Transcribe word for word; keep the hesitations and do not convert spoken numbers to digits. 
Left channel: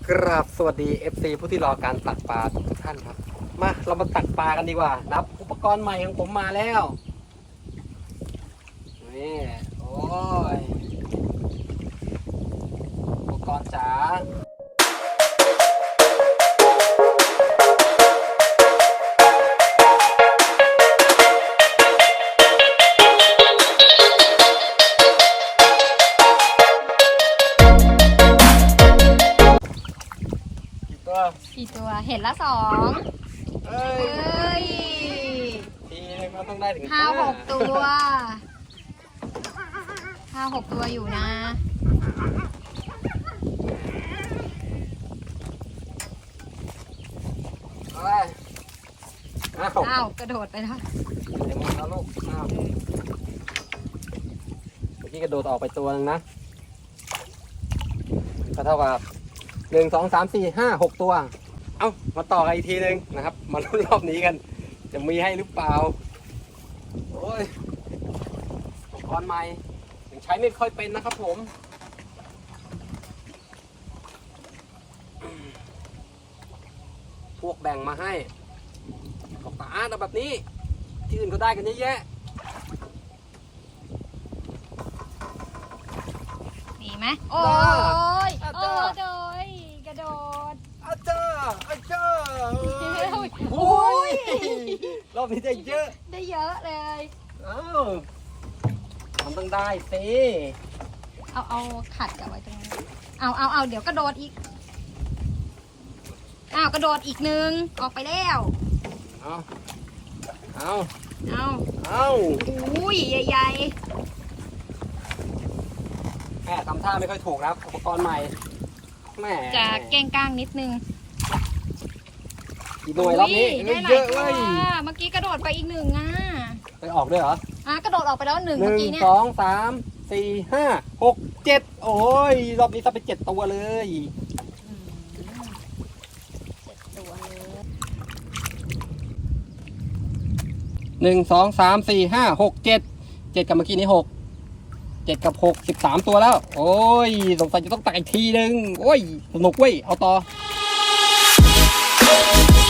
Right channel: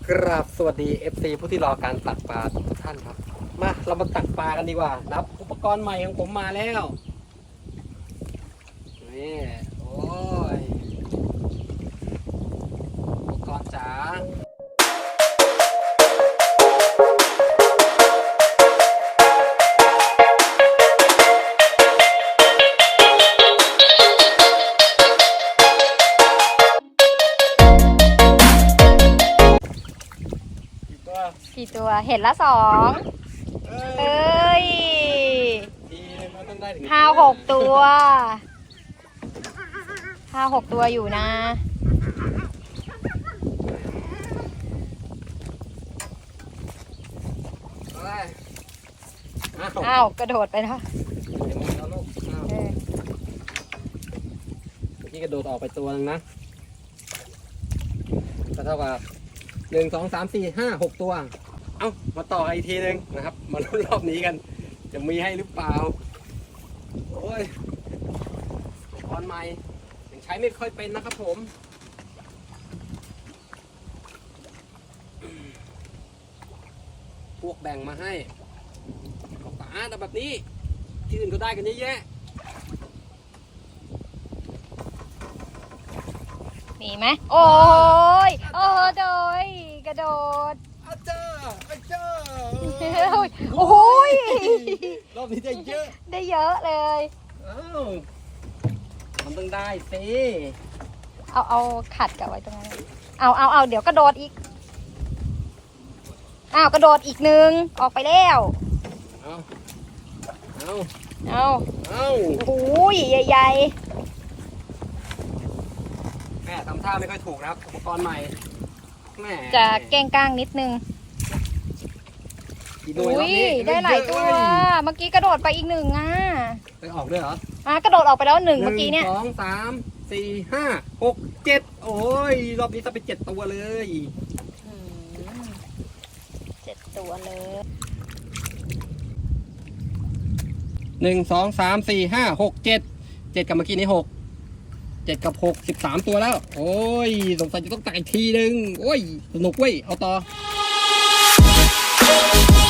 กราบสวัสดี เอฟ ซี ผู้ที่รอการตักปลาทุกท่านครับมาเรามาตักปลากันดีกว่านับอุปกรณ์ใหม่ของผมมาแล้วนี่โอ้ยอุปกรณ์จ๋ากี่ตัวเห็นละสองเอ้ยทีนึงเราต้องได้ถึงห้าหกตัวห้าหกตัวอยู่นะอ้าวกระโดดไปแล้วเดี๋ยวมึงแล้วลูกอ้าวเมื่อกี้กระโดดออกไปตัวนึงนะก็เท่ากับหนึ่งสองสามสี่ห้าหกตัวเอามาต่อกันอีกทีนึงนะครับมาลุ้นรอบนี้กันจะมีให้หรือเปล่าโอ้ยอุปกรณ์ใหม่ยังใช้ไม่ค่อยเป็นนะครับผมพวกแบ่งมาให้ของตาแต่แบบนี้ที่อื่นก็ได้กันเยอะแยะมีไหมโอ้ยโอ้โดยกระโดดอาจารย์อาจารย์โอ้ยรอบนี้ได้เยอะได้เยอะเลยอ้าวมันต้องได้สิเอาเอาขัดกับไว้ตรงนั้นเอาเอาเอาเดี๋ยวกระโดดอีกอ้าวกระโดดอีกหนึ่งออกไปแล้วเอาเอาเอาเอาโอ้ยใหญ่แม่ทำท่าไม่ค่อยถูกนะครับอุปกรณ์ใหม่แม่จะแกงกลางนิดนึงกี่หน่วยรอบนี้ได้หลายตัวเมื่อกี้กระโดดไปอีกหนึ่งอ่ะไปออกด้วยเหรออ่ะกระโดดออกไปแล้วหนึ่งเมื่อกี้เนี่ยสองสามสี่ห้าหกเจ็ดโอ้ยรอบนี้จะไปเจ็ดตัวเลยเจ็ดตัวเลยหนึ่งสองสามสี่ห้าหกเจ็ดเจ็ดกับเมื่อกี้นี้หกเจ็ดกับหกสิบสามตัวแล้วโอ้ยสงสัยจะต้องตักอีกทีนึงโอ้ยสนุกเว้ยเอาต่อ